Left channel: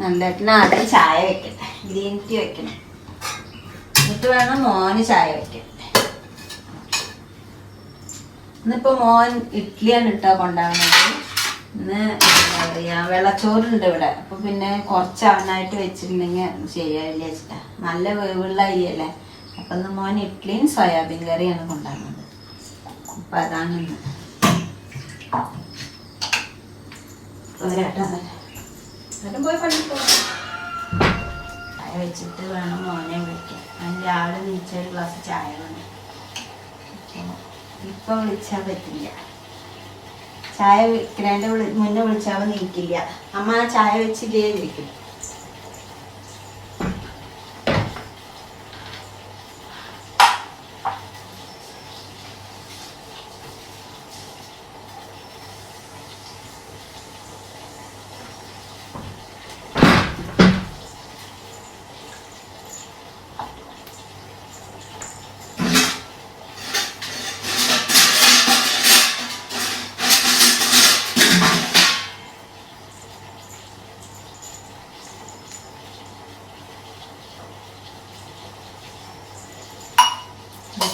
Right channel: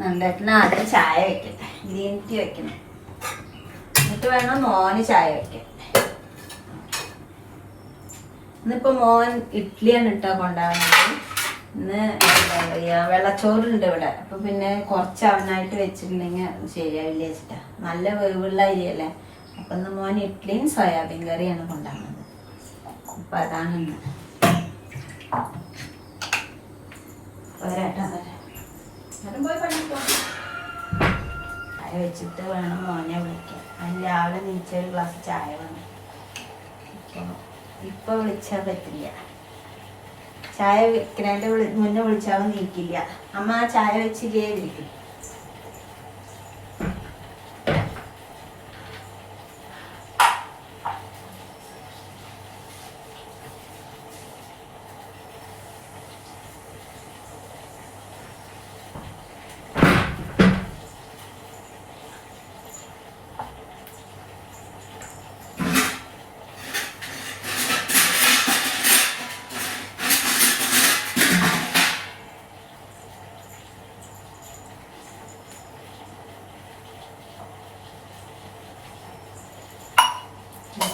നന്ദേട്ടന് ആദ്യം ചായ വെക്കട്ടെ. ഗ്രീൻ ടീ വെക്കണം. എന്നിട്ട് വേണം മോന് ചായ വെക്കാൻ. ഇന്നിപ്പോ മോൻ ഇഡ്ഡലിയാണ് ഇട്ടാ കൊണ്ടാവുന്നത് ഇന്ന് വെള്ളച്ചോറുണ്ട് ഇവിടെ. അപ്പൊ പിന്നെ കുറച്ച് അവനായിട്ട് വെച്ചിട്ടില്ലെങ്കിൽ ശരിയാവില്ല വെച്ചിട്ടാ നല്ല വേവുള്ള അരിയല്ലേ? അപ്പൊ ഇന്ന് മോൻ ഇഡ്ഡലിയും സോയാബീൻ കറിയാണ് കൊണ്ടാവുന്നത് അപ്പൊ അതാണ് ഇന്ന്. ഒരാട്ടാ എന്നിട്ട് പോയി പണിക്ക് പോ. ചായ വെച്ചിട്ട് വേണം മോനെ വിളിക്കാൻ. അതിന് രാവിലെ നീച്ച ഒരു ഗ്ലാസ് ചായ വേണം ഇപ്പൊ വിളിച്ചാൽ പറ്റില്ല. ചായ വെക്കണേന്റെ വിളി മുന്നേ വിളിച്ചാൽ നീക്കില്ല. അമ്മ ആ ചായ വെച്ച് ചെയ്തിരിക്കും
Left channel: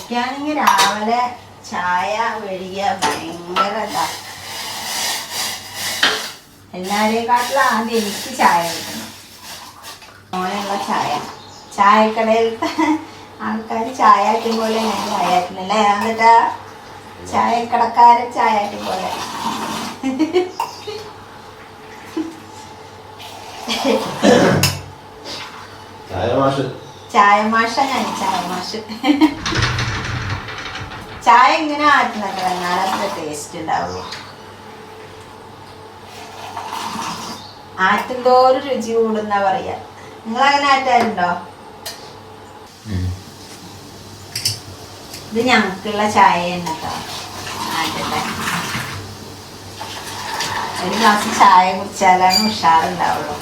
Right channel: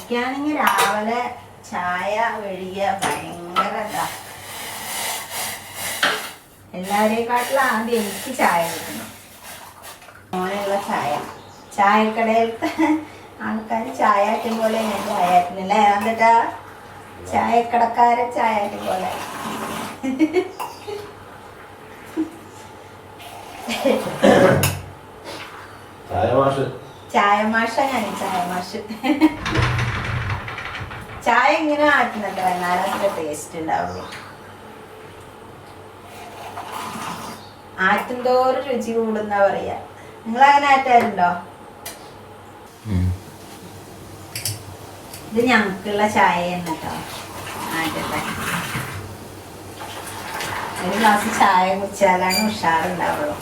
എനിക്കാണെങ്കിൽ രാവിലെ ചായ വെളിയ ഭയങ്കര ഇതാ. എല്ലാരെക്കാട്ടിലും ആദ്യം എനിക്ക് ചായ കിട്ടണം. മോനുള്ള ചായ. ചായക്കടയിലത്തെ ആൾക്കാർ ചായ ആറ്റും പോലെ ഞാൻ ചായ ആറ്റുന്നില്ല എന്നിട്ട് ചായക്കടക്കാരെ ചായ ആറ്റും പോലെ. ചായ മാഷ ഞാൻ ചായ മാഷ് ചായ ഇങ്ങനെ ആറ്റുന്നത് നല്ല ടേസ്റ്റ് ഉണ്ടാവുള്ളൂ ആറ്റുന്തോറും രുചി കൂടുന്ന പറയാ. നിങ്ങൾ അങ്ങനെ ആറ്റാറുണ്ടോ? ഇത് ഞങ്ങൾക്കുള്ള ചായ തന്നെ കേട്ടോ ആറ്റട്ടെ ഒരു ഗ്ലാസ് ചായ കുടിച്ചാലാണ് ഉഷാറുണ്ടാവുള്ളൂ.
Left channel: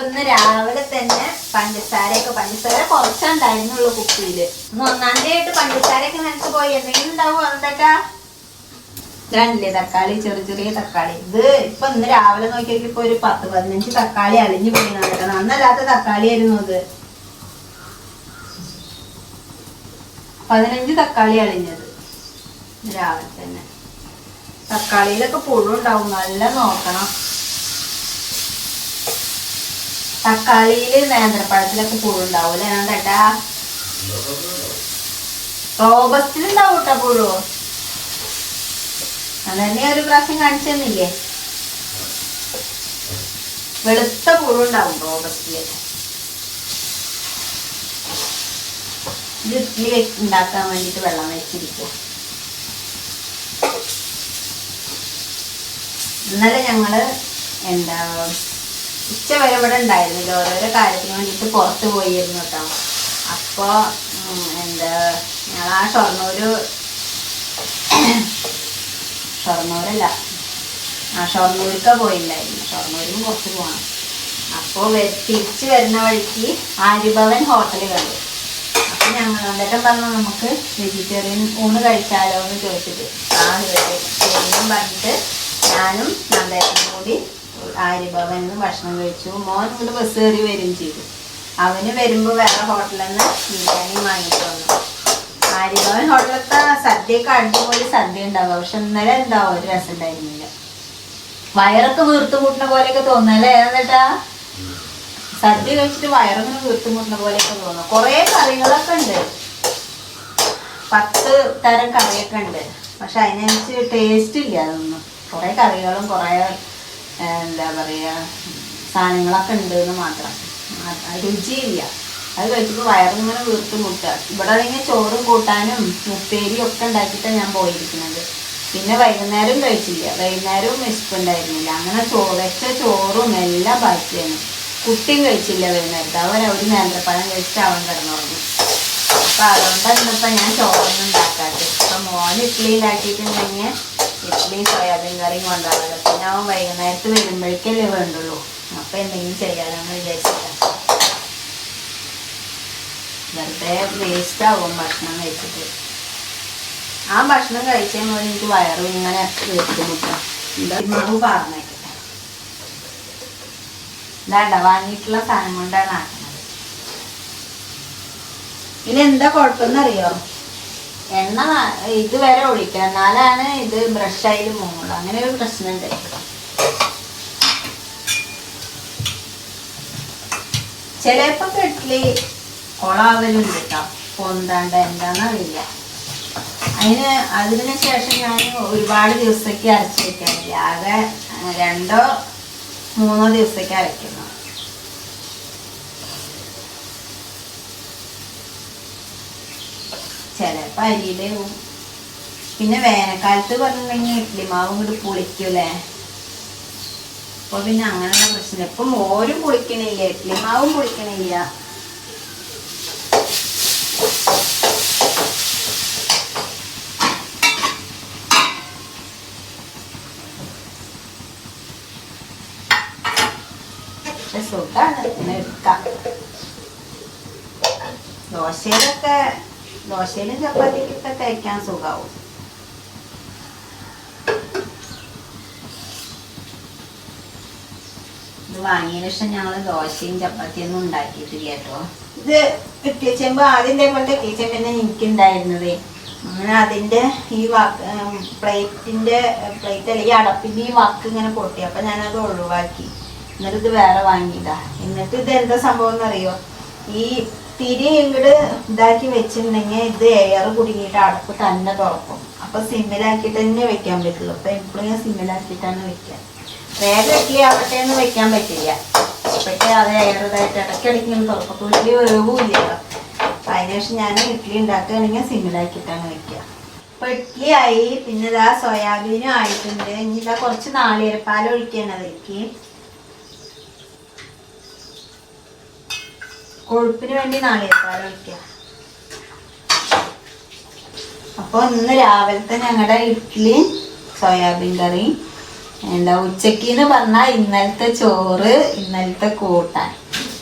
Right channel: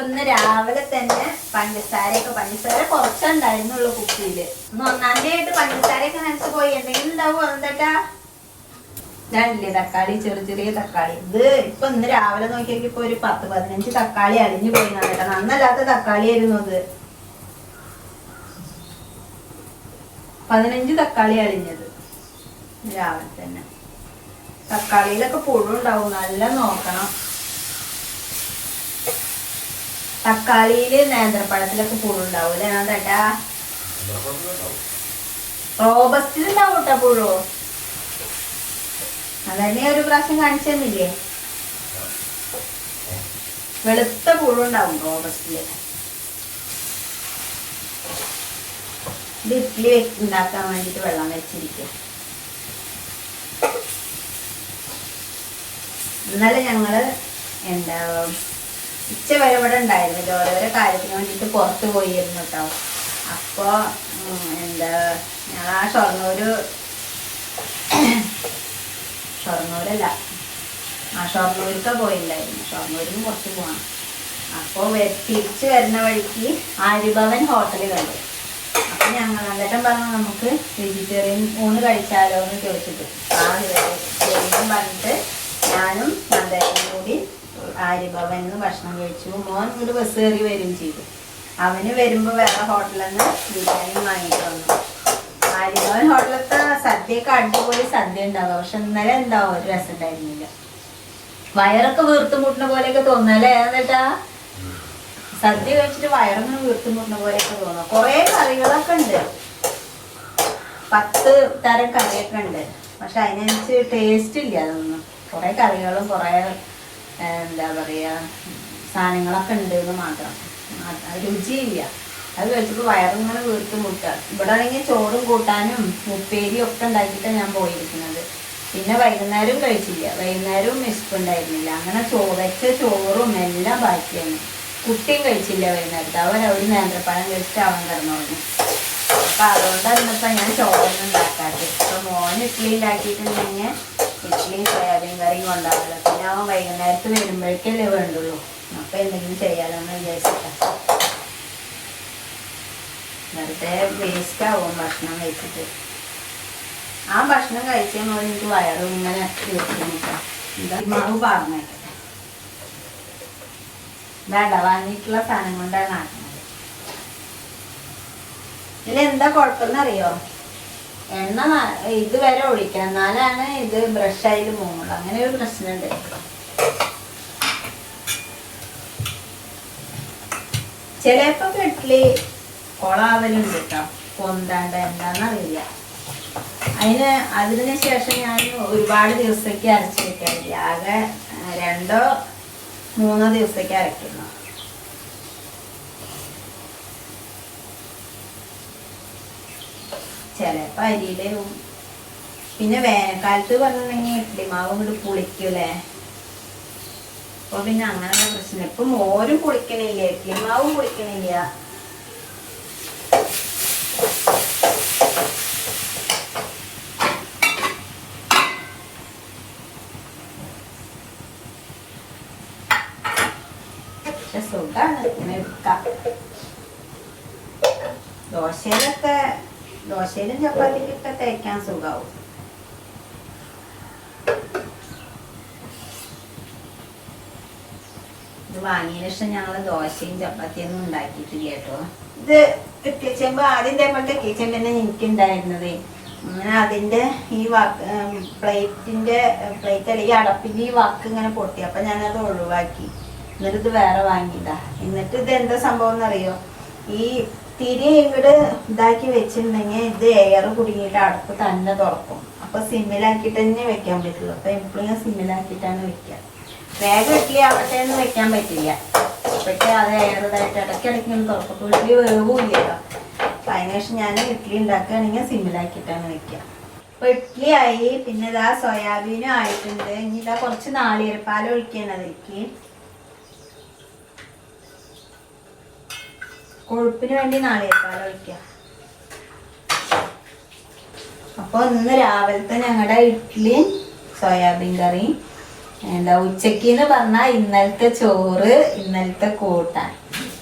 അപ്പൊ ഇന്ന് രാവിലെ തന്നെ പഞ്ചസാരയൊക്കെ പഞ്ചസാര കുറച്ചുണ്ടായിരുന്നുള്ളൂ കുപ്പിയിൽ. ഇന്ന് ഒന്നാം തീയതി ആയിട്ട് പഞ്ചസാരയൊക്കെ നിനക്ക് പോയി. എന്തെങ്കിലും ഉണ്ടാവും എന്താ രണ്ടില്ലേ തക്കാളി ചെറിയ ചെറിയ തക്കാളി. ഇത് ഇപ്പൊ ഇന്ന് രാവിലെ നോക്കിയപ്പോ ഇപ്പൊ ഒരു പത്ത് പതിനഞ്ച് തക്കാളി അലിഞ്ഞു പോയി കേട്ടോ നന്നല്ലാത്ത തക്കാളി ആയിരുന്നു അത്. പതിനഞ്ച് തക്കാളി അലിഞ്ഞത് രാവിലെ തന്നെ. തക്കാളിയിലൊക്കെ പുഴു ഉണ്ടാവും നല്ല നോക്കണം. തക്കാളിയിൽ നേന്ത്രപ്പഴത്തിലൊക്കെ പുഴു ഉണ്ടാവും അല്ലേ? ചേട്ടാ റോബസ്റ്റിലുണ്ടാവും കേട്ടോ പുഴു. അതന്നെ ഒരു പ്രാവശ്യം കാണിച്ചു തന്നില്ലേ? വെളുത്ത പുഴുണ്ടാവും റോബസ്റ്റിൽ. ഇത് ഉണ്ടാക്കാൻ വേണ്ടിട്ട് വെള്ളം വെച്ചിരിക്കും. ഇന്നലെ ഞങ്ങൾ എന്താ ഉച്ച വരെ ഇവിടെ ഉണ്ടായിരുന്നില്ല ഓരോരോ കാര്യത്തിന് വേണ്ടിയിട്ട് പുറത്ത് പോയിരുന്നു കേട്ടോ. അപ്പോൾ എന്താ ഞങ്ങൾ ആ ഷൊർണൂർ ഷൊർണൂരല്ല ആ ഷൊർണൂർക്കാണ് പോയിണ്ടായിരുന്നു. ഷൊർണൂരിന് പുറത്ത് പോകണം അപ്പോൾ തിരിച്ച് വരുന്ന വഴിക്ക് ആര്യഭവൻ ഹോട്ടൽ കണ്ടു. അപ്പം ഞങ്ങൾ എന്നിട്ടും പറഞ്ഞു നമുക്ക് വെജിറ്റേറിയൻ ഊണ് കഴിച്ചാലോ എന്ന് ചോദിച്ചിട്ട് ആ വെജിറ്റേറിയൻ പറഞ്ഞിട്ട് ഞാനും നന്ദേട്ടനും കൂടി ആര്യഭവനിൽ നിന്ന് ഭക്ഷണം കഴിച്ചു. മോൻ ഇങ്ങോട്ട് ബസ് കയറി വരികയും ചെയ്തു. അവന് വരുമ്പോൾ വേറെ ഹോട്ടലിൽ നിന്ന് ബിരിയാണി വാങ്ങിയിട്ട് വന്നു ആര്യഭവൻ ഹോട്ടലത്തെ സദ്യയൊക്കെ അടിപൊളി സദ്യ ഉണ്ടാവും. പക്ഷെ ഇന്നലെ എന്താവും ഒരു രസം ഉണ്ടായിരുന്നില്ല. വയറൊക്കെ വീർത്ത് മുട്ടുന്ന പോലെയൊക്കെ തോന്നല്ലേ എന്നിട്ടാ? സദ്യ കഴിച്ചിട്ട് വയറൊന്നും വീർത്ത് മുട്ടുന്ന പോലെയൊക്കെ തോന്നും കുറേ കറികളൊക്കെ ഉണ്ട്. പത്ത് തരം കറിയൊക്കെ ഉണ്ട്. പക്ഷെ അതിനനുസരിച്ച് ടേസ്റ്റ് ഇല്ല അതൊന്നും. കുറേ കറികളും കുറേ എന്താ പറയുക സാധനങ്ങളൊക്കെ ഉണ്ട് എന്ന് മാത്രം രുചിയില്ല. അത് കഴിച്ചിട്ട് വയറിങ്ങനെ വീർത്ത് മുട്ടുക ഇവിടെ അല്ലെങ്കിൽ ചോറും കൂട്ടാനും ഉപ്പേരിയും ഒക്കെ ഉണ്ടാക്കിയിട്ടാണ് ഞാൻ പോയിരിക്കുന്നത്. പിന്നെ വൈകുന്നേരം കഴിച്ചില്ല. വൈകുന്നേരവും വിശപ്പുണ്ടായിരുന്നില്ല അങ്ങനെ ചോറച്ച ചോറും എല്ലാം ബാക്കിയാണ് കുട്ടിയും കഴിച്ചില്ല വൈകുന്നേരത്ത്. അവൻ ഒരു നേന്ത്രപ്പഴം കഴിച്ചിട്ട് അവൻ കിടന്നുറങ്ങി. അപ്പം അതുകൊണ്ടാണ് ഇന്നിപ്പോൾ ഞാൻ ചോറൊന്നും ഉണ്ടാക്കാത്തത്. ഇപ്പം മോൻ ഇഡ്ഡലി ഉണ്ടാക്കിയിട്ടുണ്ടെങ്കിൽ ഇഡ്ഡലി സോയാബീൻ കറിയും ഉണ്ടാവില്ല പിന്നെ അവൻ വൈകുന്നേരത്ത് വരുമ്പോഴേക്കല്ലേ വേണ്ടുള്ളൂ. അപ്പൊ എന്തെങ്കിലും ചെയ്യാമെന്ന് വിചാരിച്ചിട്ടാണ് വെറുതെ വേസ്റ്റ് ആവും ഭക്ഷണം കഴിച്ചിട്ട്. ആ ഭക്ഷണം കഴിച്ചാൽ മതി എനിക്ക് വയറും ഇങ്ങനെ മുട്ടാം എന്താ? മാവ് പറഞ്ഞേക്കട്ടെ ഇതാണ്ട വാങ്ങിയിട്ടുള്ള സാധനം കൊണ്ടാണ് ആക്കുന്നത്. ഇനി എന്താ കുഴപ്പമെന്നറിയോ? എണ്ണ ഇത് ഇതുവരെ ഒഴിക്കാം എന്നാലാണ് ഇത് ബ്രഷായി പോകുന്നത് അങ്ങനെ ഒരു പ്രശ്നമുണ്ട്. ചിലപ്പോ കെട്ടിൽ കൊളാവലുണ്ട് കേട്ടോ പൊന്താണ്ട് എന്താന്നറിയില്ല. അതിന് അതിന് ശേഷം ഞാൻ ഒരുപാട് ദിവസത്തേക്ക് അരച്ചെടുക്കാറില്ല. ആകെ രണ്ടോ മൂന്നോ ദിവസത്തേക്ക് അരയ്ക്കുന്നു ചിലപ്പോ അരിയിലെ പിന്നെ വേനൽക്കാലത്ത് പറഞ്ഞിട്ടുണ്ടെങ്കിൽ ഇഡ്ഡലി മാവ് ഇങ്ങോട്ട് പുളിക്കൂലേ അപ്പൊ പിന്നെ അങ്ങനെയുള്ള പ്രശ്നം. ഇപ്പൊ മോരും പുളിക്കണില്ല ഇഡ്ഡലി മാവും പുളിക്കണില്ല. സുഖാണ് പിന്നെ എടുക്കാം. ദോശയിലൊക്കെ ദോശയിലും ചപ്പാത്തിക്കൊക്കെ തേക്കാൻ സുഖാവും. ഇത് വാങ്ങിയതിനു ശേഷം ഞങ്ങൾ ദോശയും ചപ്പാത്തിയും ഒന്നും ഉണ്ടാക്കിയിട്ടില്ല കേട്ടോ. ഇത് ഇട്ടിച്ചെമ്പ് ആദ്യം കൊണ്ട് തന്നെ എനിക്കുണ്ടായിരുന്നത്. അങ്ങനെ അതിന്റെ ഈ വാക്ക് പ്ലേറ്റിന്റെ പ്ലേറ്റ് അല്ലെങ്കിൽ അടപ്പിന്റെ ഈ വാക്ക് ഇങ്ങനെ പൊട്ടി. അപ്പൊ ഞാനത് ഒഴിവാക്കി. എന്നിട്ട് ഇത് വേറെ വാങ്ങിയില്ല എന്നിട്ട് ഇത് എന്താ സംഭവം എന്നറിയോ? ഈ തിരി ഇങ്ങോട്ട് ഇതാക്കി വെച്ചിട്ടുണ്ടെങ്കിൽ ഇത് എയർ കുടുങ്ങിയിട്ട് അടുപ്പ് തന്നെ തുറക്കും. അപ്പൊ സിമ്മിലാക്കിയിട്ട് തന്നെ വെക്കാൻ പറ്റുള്ളൂ. അപ്പൊ എപ്പോഴും ഞാൻ സിമ്മിലാക്കിയിട്ടാണ് വെക്കുക. വേഗം ഇഡ്ഡലി ആവട്ടെ എന്ന് വെക്കാൻ പറ്റില്ല. പക്ഷേ അത് എയർ ഇതായിട്ട് ഇടയ്ക്കിടയ്ക്ക് ഇങ്ങനെ തുറക്കും ഇഡ്ഡലി അപ്പൊ അതിനുശേഷം ഞാൻ ഇഡ്ഡലി ഉണ്ടാക്കുകയാണെങ്കിൽ സിമ്മിലാക്കിയിട്ടാണ് വെക്കുക. അപ്പൊ ഇഡ്ഡലി ആയി പിന്നെ ഇതാ സോയാബീനും ആയിട്ടുണ്ട്. ഇനി ഇതാ കുറച്ച് നാളികേരപ്പാൽ ഒഴിക്കണം കൊഴുപ്പിന് വേണ്ടി നാളികേരപ്പാൽ ഒഴിക്കുക അപ്പോൾ ഇന്ന് രാവിലത്തെ ഞങ്ങളുടെ ഇഡ്ഡലി സോയാബീൻ കറി എന്താ ഉച്ചയ്ക്ക് എന്ന് പറഞ്ഞാൽ ഇന്നലത്തെ ചോറ് ഇന്നലത്തെ കൂട്ടാൻ.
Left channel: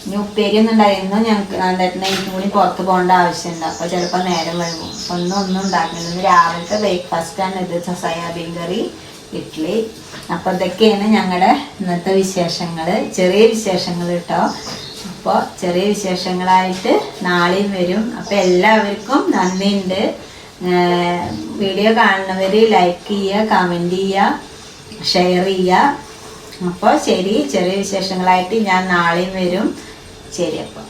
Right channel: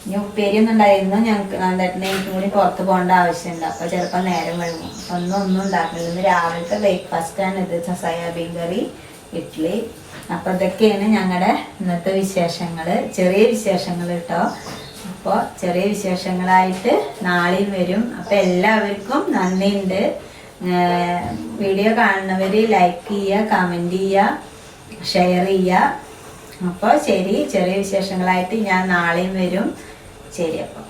ഇനി ഉപ്പേരി ഒന്നും ഉണ്ടായിരുന്നു ഞങ്ങൾക്ക് നന്നായിട്ട് എനിക്കും കൂടി പുറത്ത് പോകേണ്ട ആവശ്യമുണ്ട്. അപ്പോൾ ചിലപ്പോൾ നേരം വൈകും. ഒന്നും ഒന്നും ഉണ്ടാക്കില്ല. ഇന്ന് രാവിലത്തെ ബ്രേക്ക്ഫാസ്റ്റ് ആണ് ഇത്. സോയാബീൻ കറി ഇഡ്ഡലി അപ്പോൾ ഇതൊക്കെയാണ് ഞങ്ങളുടെ ഇന്നത്തെ വിശേഷങ്ങൾ ചെറിയ വിശേഷങ്ങൾ കേട്ടോ അപ്പോൾ ചെറിയ വിശേഷങ്ങളായിട്ട് നാളെയും വരും. അപ്പോൾ എല്ലാവർക്കും നന്ദിയുണ്ട്. വീഡിയോ കാണുന്നവർ ലൈക്ക് ചെയ്യുക കമന്റ് ചെയ്യുക ഷെയർ ചെയ്യുക. അപ്പോൾ ശരി ചെറിയ വിശേഷങ്ങളായിട്ട് ഞാൻ നാളെയും വരും. ശരി അപ്പോൾ